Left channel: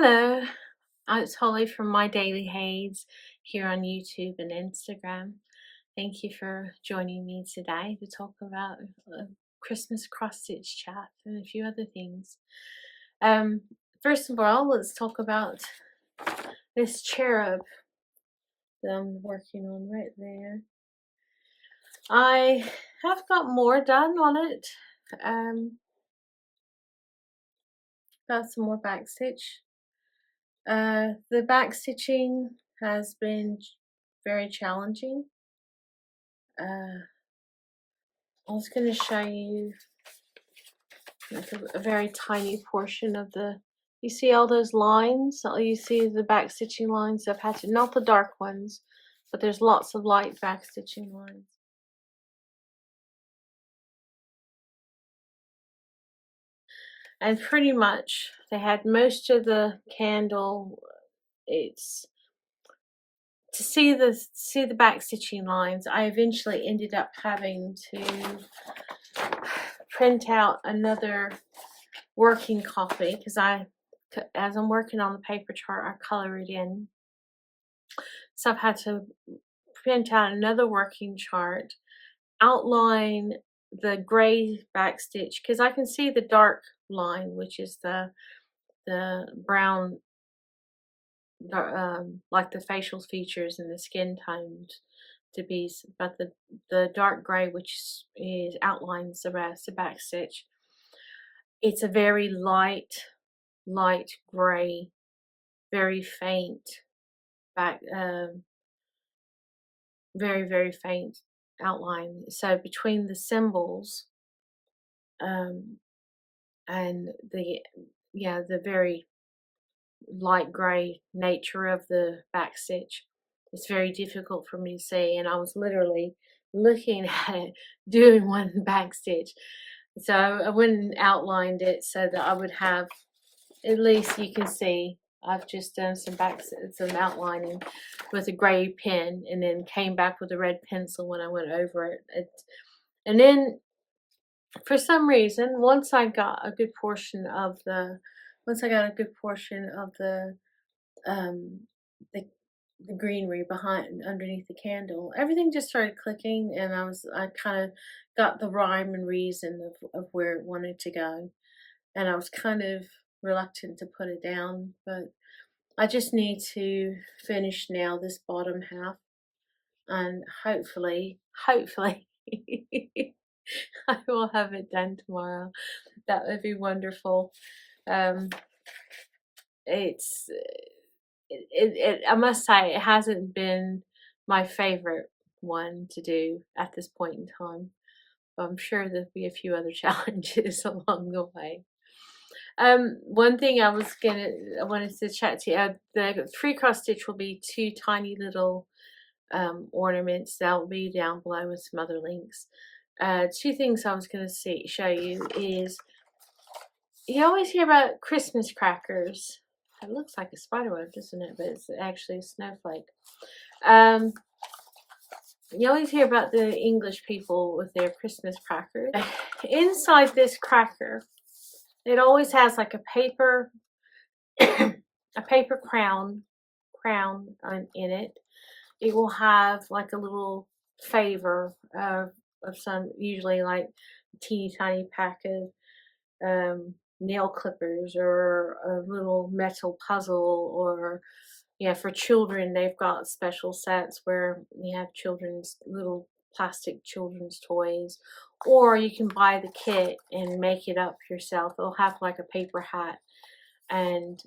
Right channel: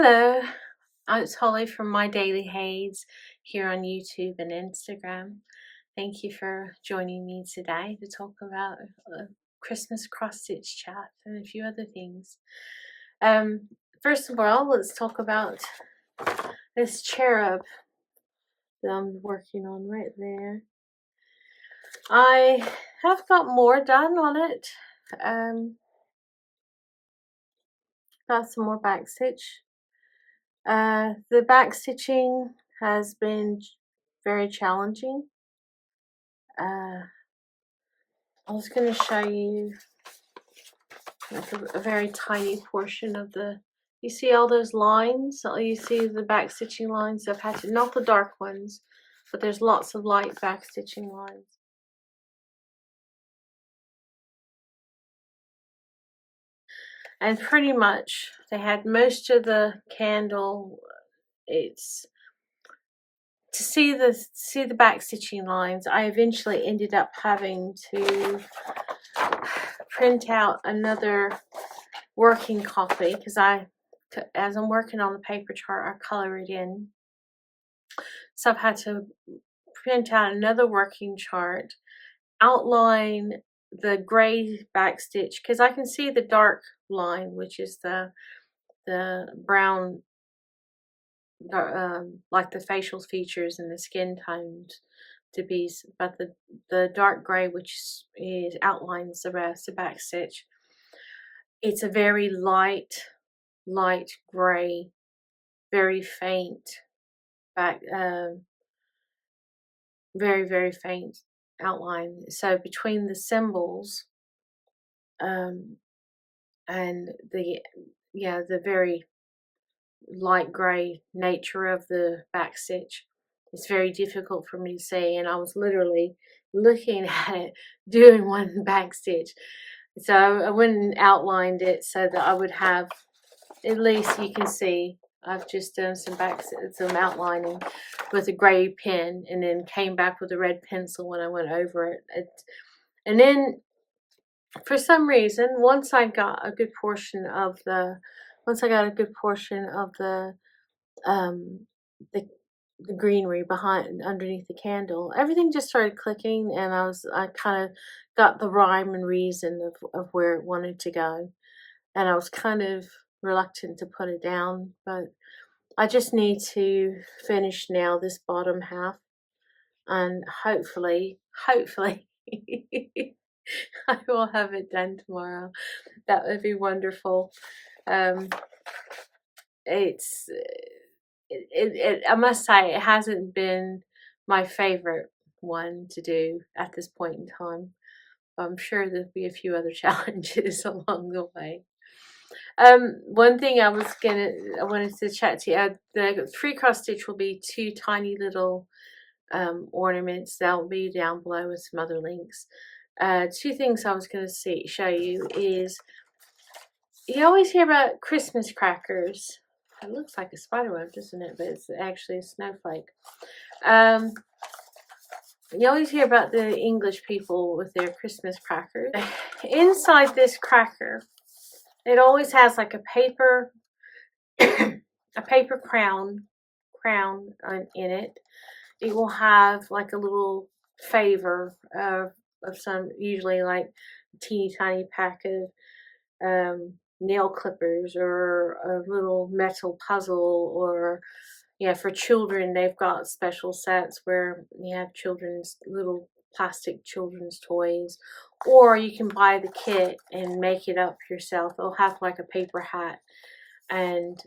Hello, it's Holly from My Daily Haze here on YouTube and Instagram. Thank you for joining me today to talk about Christmas cross stitch chat and a few other things. Um, First of all, let's talk about this cherub that I'm working on right there. I have got more done on it. Got some more back stitch. The back stitching has been very challenging. I was going to show you like a very tiny portion of you see all those lines? You see the back stitching lines I've had to, not the dark ones, but there's lots of light back stitching lines. And pretty much they had most of the candle. It's to see the back stitching lines. I eventually ended up having to print out another working copy because as I'm working on the paper chart, I color it in. So I've had to print out another working chart, outline the gray back stitch because I can see the dark line, which is the brown, like the facial features and the skin tones to be, but the dark gray, which is outlines the rest, the back stitch. It's a very light gray, very faint back, very faint outline. So between the symbols, and the very light gray nature of the back stitch, it's very difficult for me to see, and I was literally looking at it doing one back stitch. So I went and outlined it so that I would have, at least you can see I've just done some outlining with a gray pen, and then came back with a red pencil when I went over it. And then for some reason, once I got a good portion of the um the greenery behind underneath the candle, everything just started clicking, and I kind of got the rhyme and reason of where it wanted to go, and I was kind of reluctant to put it down, but I just need to finish now this bottom half, and hopefully I will have it done tomorrow. That would be wonderful. It's I must say it hasn't been my favorite one to do at this point in time. I'm sure there'll be a few other challenges along the way. One thing I wanted to chat to you. The free cross stitch will be two tiny little ornaments that will be down below with some other links. Two things I was going to show you is, you always hear about Christmas crackers. It looks like a spider web, doesn't it? But it's actually a snowflake. You always hear about the English people with their Christmas crackers. Inside this cracker, it always has like a paper crown in it. It will have like a little favor of some, usually like a teeny tiny pack of nail clippers or a little metal puzzle, or for children they've got special sets where you have little plastic children's toys, or you can buy the kit and make it up yourself. It'll have like a paper hat, and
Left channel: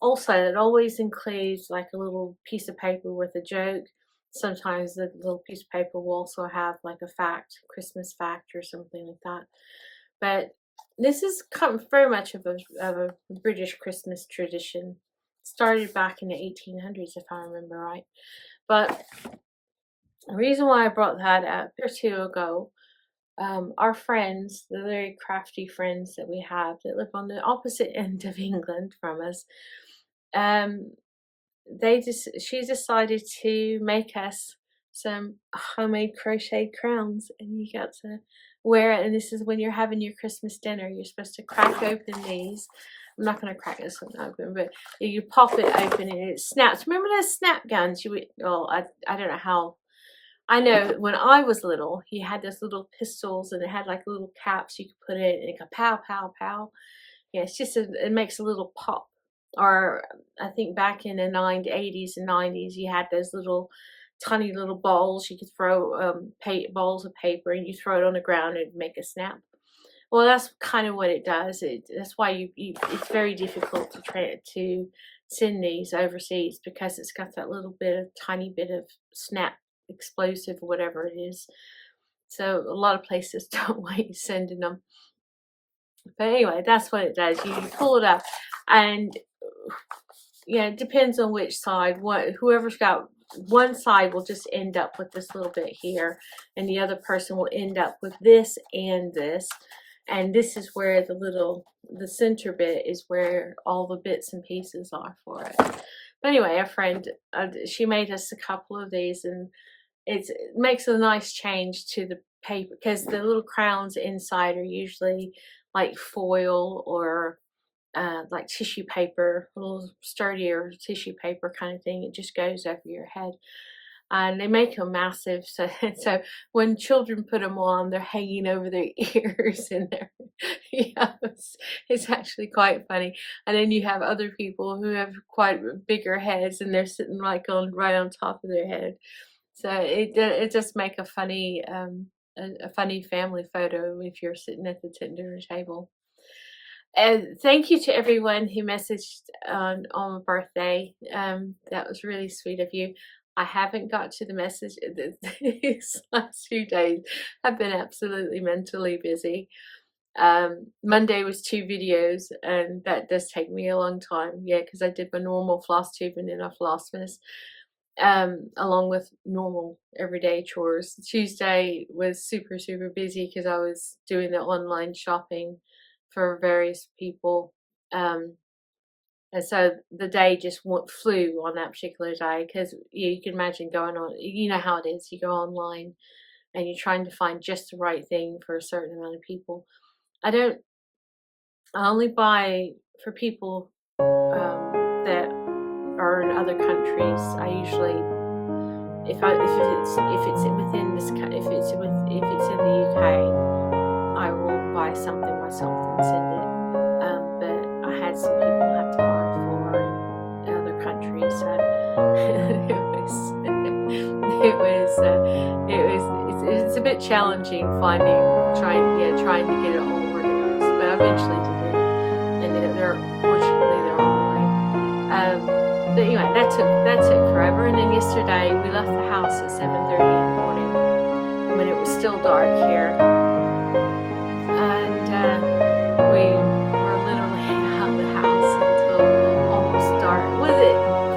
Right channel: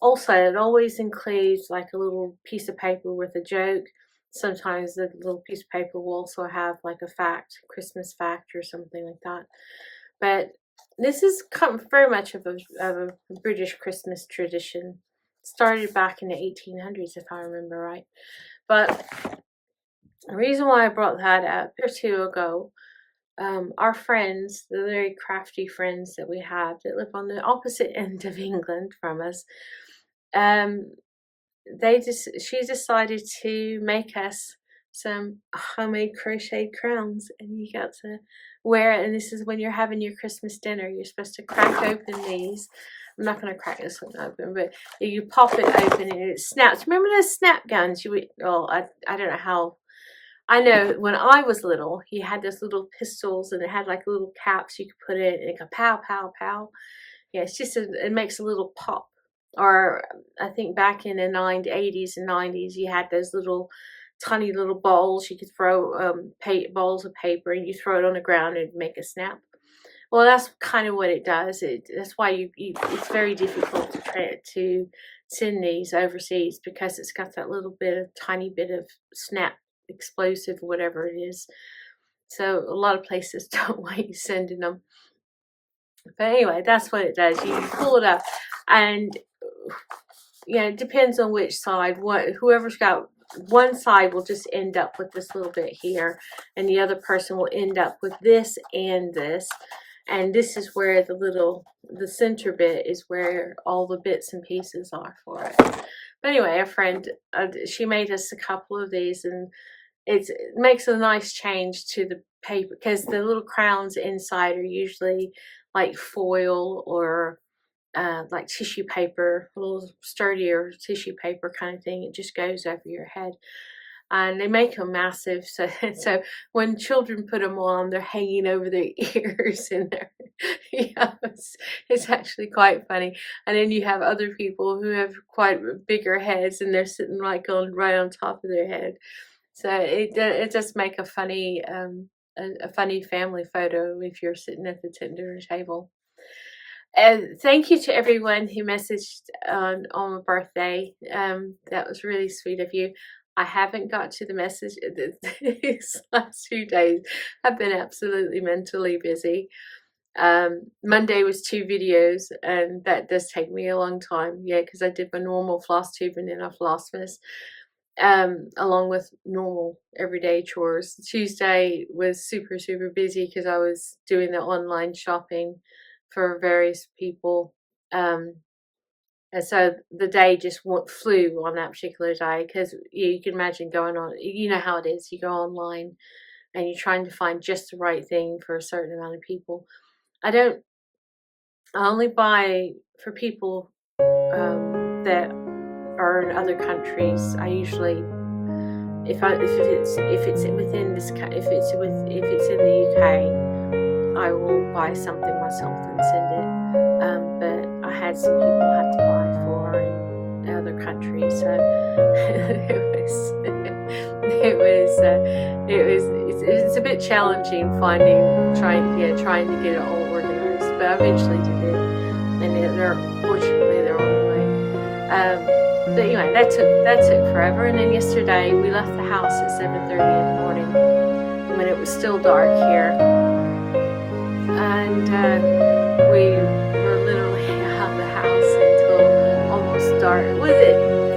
also it always includes like a little piece of paper with a joke. Sometimes the little piece of paper will also have like a Christmas fact or something like that. But this is very much of a British Christmas tradition. It started back in the 1800s, if I remember right. But the reason why I brought that up a year or two ago, our friends, the very crafty friends that we have that live on the opposite end of England from us, she decided to make us some homemade crocheted crowns, and you got to where, and this is when you're having your Christmas dinner, you're supposed to crack open these. I'm not going to crack this one open, but you pop it open and it snaps. Remember those snap guns? I don't know how. I know when I was little, you had those little pistols and it had like little caps you could put in and it go pow, pow, pow. Yeah, it's just, it makes a little pop. Or I think back in the 80s and 90s, you had those little tiny little balls you could throw, balls of paper, and you throw it on the ground and make a snap. Well, that's kind of what it does. That's why it's very difficult to send these overseas, because it's got that little bit of tiny bit of snap explosive or whatever it is. So a lot of places don't want you sending them. But anyway, that's what it does. You pull it up, and yeah, it depends on which side. Whoever's got one side will just end up with this little bit here, and the other person will end up with this and this. And this is where the center bit is where all the bits and pieces are for it. But anyway, a friend, she made us a couple of these, and it makes a nice change to the paper, because the little crowns inside are usually like foil or like tissue paper, a little sturdier tissue paper kind of thing. It just goes over your head. And they make them massive, so when children put them on, they're hanging over their ears, and it's actually quite funny. And then you have other people who have quite bigger heads, and they're sitting like right on top of their head. So it does make a funny family photo if you're sitting at the dinner table. And thank you to everyone who messaged on my birthday. That was really sweet of you. I haven't got to the message these last few days. I've been absolutely mentally busy. Monday was 2 videos, and that does take me a long time. Yeah, because I did my normal floss tubing and a Flossmas, along with normal everyday chores. Tuesday was super, super busy because I was doing the online shopping for various people. And so the day just flew on that particular day, because you can imagine going on, you know how it is, you go online and you're trying to find just the right thing for a certain amount of people. I only buy for people that are in other countries. I usually, if it's within this, if it's in the UK, I will buy something myself and send it. But I had some people I had to buy for in other countries, so it's a bit challenging trying to get it all organized. But I eventually did it, and fortunately they're online. But anyway, that took forever. And then yesterday we left the house at 7:30 in the morning when it was still dark here, and we were literally out of the house until almost dark.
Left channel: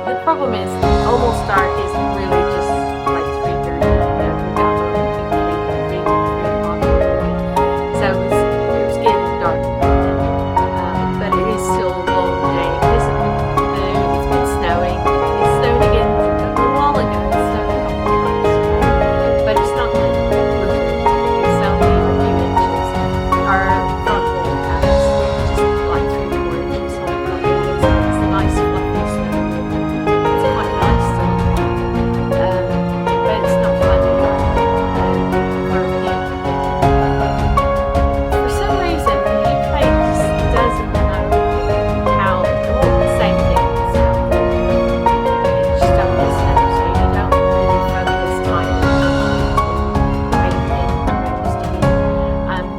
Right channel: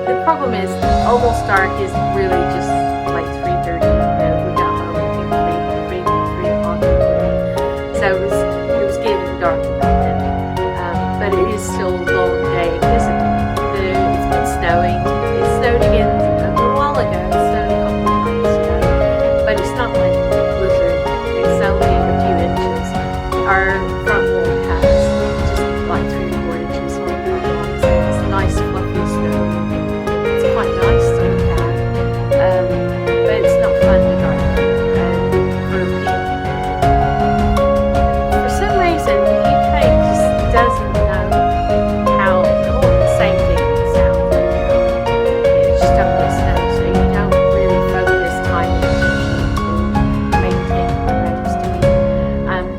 The problem is almost dark is really just like 3:30. We got home at 3 o'clock in the morning, so it was getting dark about then. But it is still a long day because it's been snowing. It snowed again a little while ago. It snowed a couple of times today, but it's not like a blizzard. It's only a few inches. Our front lawn has just like 3 or 4 inches on the front lawn, so it's nice fluffy snow. It's quite nice to look at, but it's not fun in the dark. For people, for some reason, the UK just doesn't know how. Well, the same thing in the south. It just don't get snow, so you don't really focus time and attention to maintaining the roads to be.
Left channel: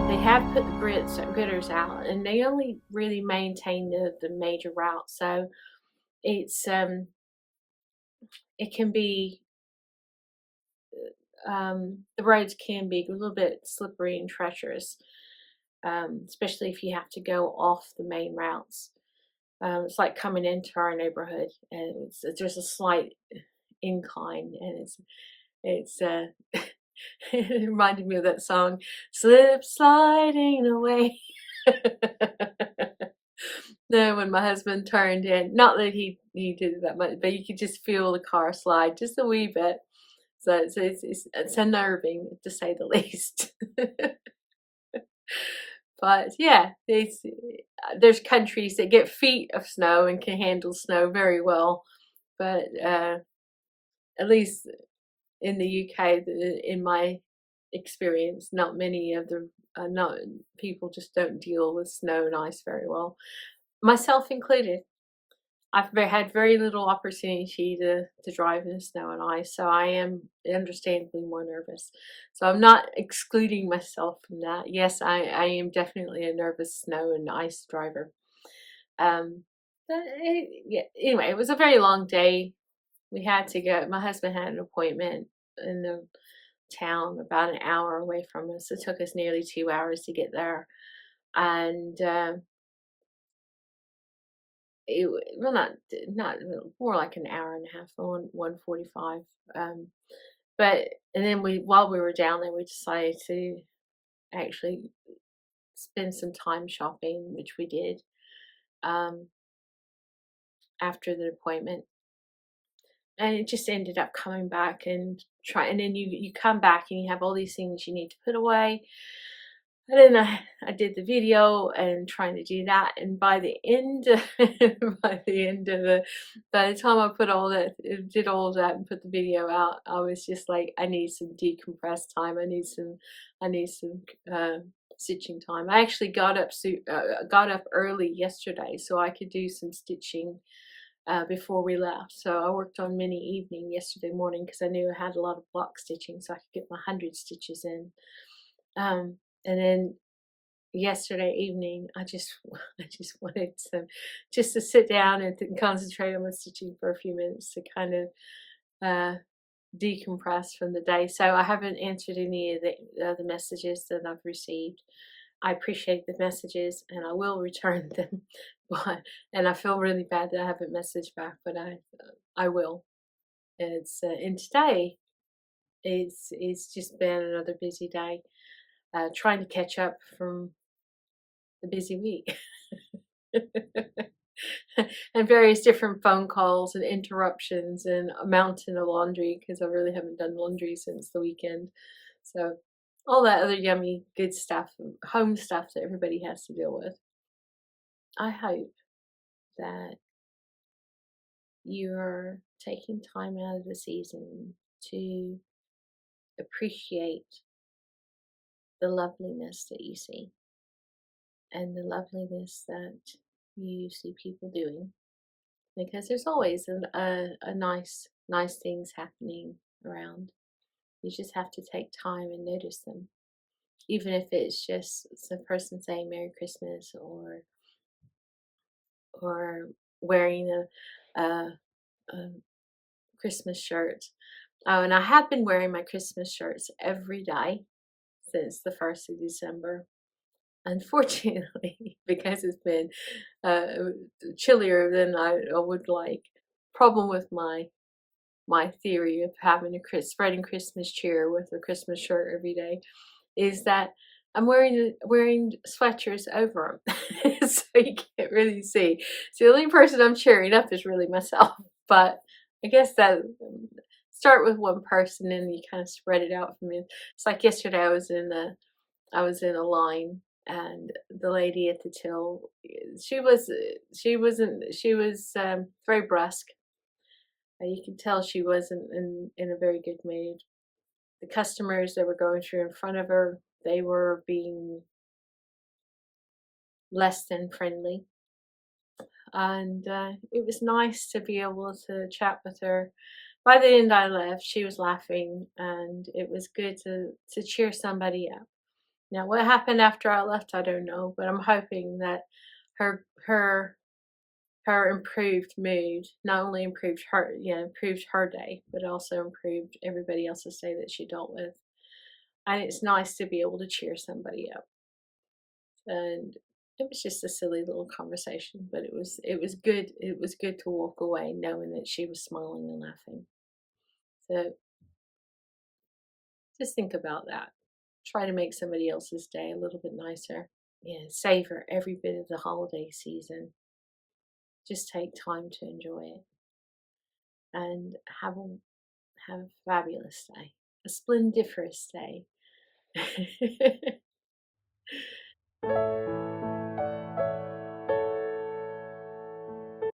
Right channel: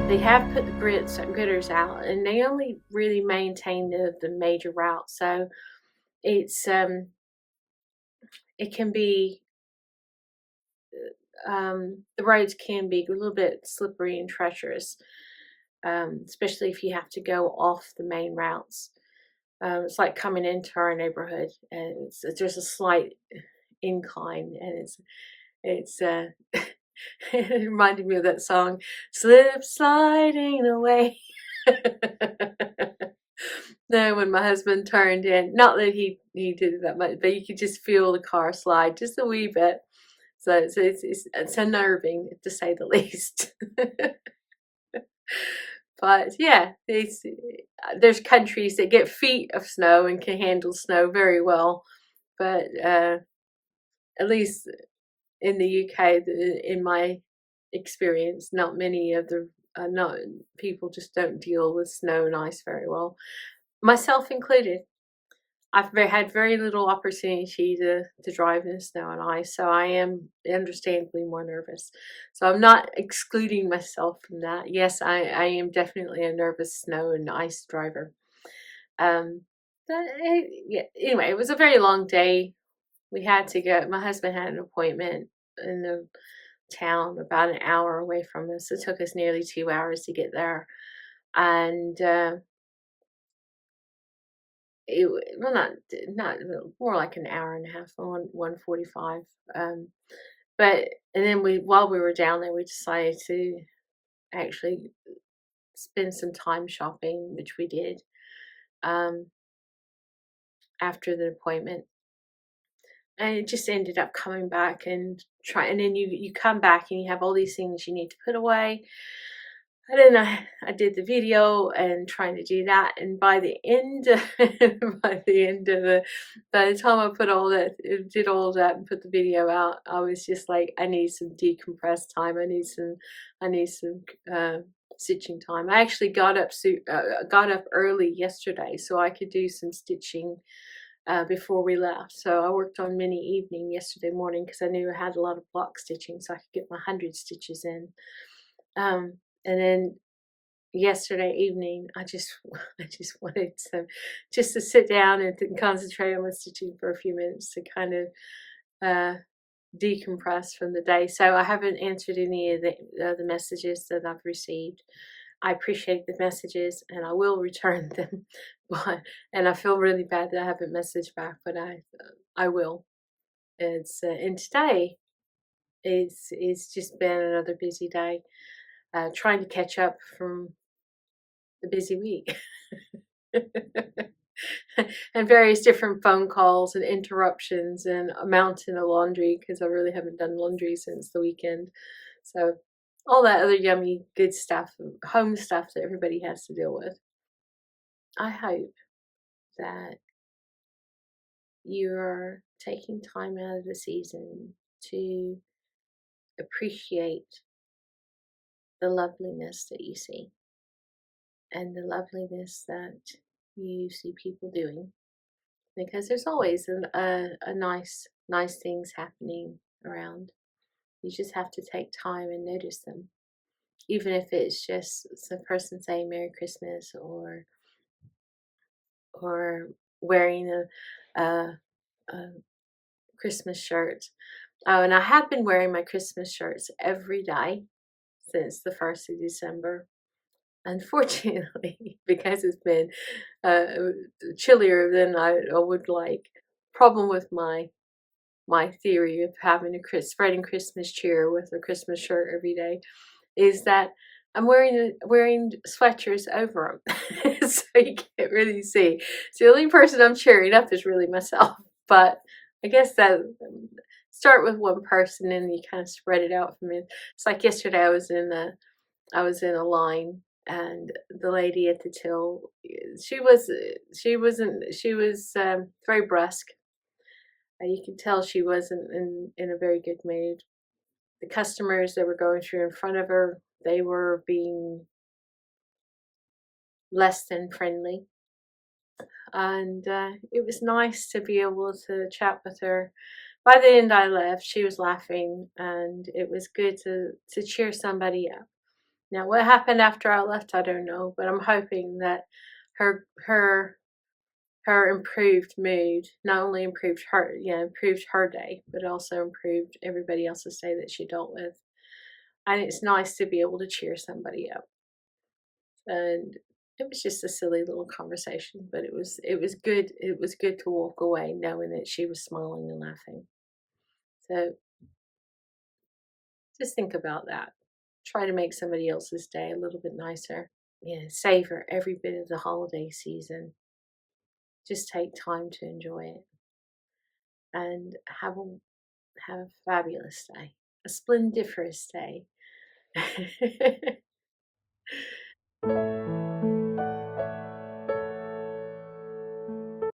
They have put the gritters out, and they only really maintain the major routes, so it's it can be the roads can be a little bit slippery and treacherous, especially if you have to go off the main routes. It's like coming into our neighborhood, and there's a slight incline, and it's it reminded me of that song, "Slip Sliding Away." No, when my husband turned in, not that he did that much, but you could just feel the car slide just a wee bit. So it's unnerving, to say the least. But yeah, there's countries that get feet of snow and can handle snow very well. But at least in the UK, in my experience, not many of the not people just don't deal with snow and ice very well, myself included. Had very little opportunity to drive in snow and ice, so I am understandably more nervous. So I'm not excluding myself from that. Yes, I am definitely a nervous snow and ice driver. Um, yeah. Anyway, it was a very long day. We had to go. My husband had an appointment in the town about an hour away from us. It took us nearly 2 hours to get there, and well, not more like an hour and a half, 1:45. Um, but and then while we were down there, we decided to actually spend some time shopping, which we did um, after the appointment, and it just ended up coming back and try. And then you come back and you have all these things you need to put away. And then I did the video and trying to do that, and by the end, by the time I put all that, did all that, and put the video out, I was just like, I need some decompressed time. I need some stitching time. I actually got up early yesterday so I could do some stitching before we left. So I worked on mini evening yesterday morning because I knew I had a lot of block stitching, so I could get my 100 stitches in. And then yesterday evening, I just wanted to sit down and concentrate on my stitching for a few minutes to kind of uh, decompress from the day. So I haven't answered any of the messages that I've received. I appreciate the messages and I will return them, but and I feel really bad that I haven't messaged back, but I will. And today it's just been another busy day, trying to catch up from the busy week. And various different phone calls and interruptions and a mountain of laundry because I really haven't done laundry since the weekend. So all that other yummy good stuff, home stuff that everybody has to deal with. I hope that you're taking time out of the season to appreciate the loveliness that you see and the loveliness that you see people doing, because there's always a nice things happening around. You just have to take time and notice them, even if it's just some person saying Merry Christmas or wearing a Christmas shirt. Oh, and I have been wearing my Christmas shirts every day since the 1st of December. Unfortunately, because it's been uh, chillier than I would like. Problem with my theory of having spreading Christmas cheer with a Christmas shirt every day is that I'm wearing sweatshirts over them, so you can't really see. So the only person I'm cheering up is really myself. But I guess that start with one person and you kind of spread it out from it. It's like yesterday I was in a line and the lady at the till, she was very brusque. You could tell she wasn't in a very good mood. The customers that were going through in front of her, they were being less than friendly. And it was nice to be able to chat with her. By the end I left, she was laughing and it was good to cheer somebody up. Now what happened after I left, I don't know, but I'm hoping that her her her improved mood not only improved her day, but also improved everybody else's day that she dealt with. And it's nice to be able to cheer somebody up. And it was just a silly little conversation, but it was good to walk away knowing that she was smiling and laughing. So just think about that. Try to make somebody else's day a little bit nicer. Yeah, savor every bit of the holiday season. Just take time to enjoy it and have a fabulous day, a splendiferous day.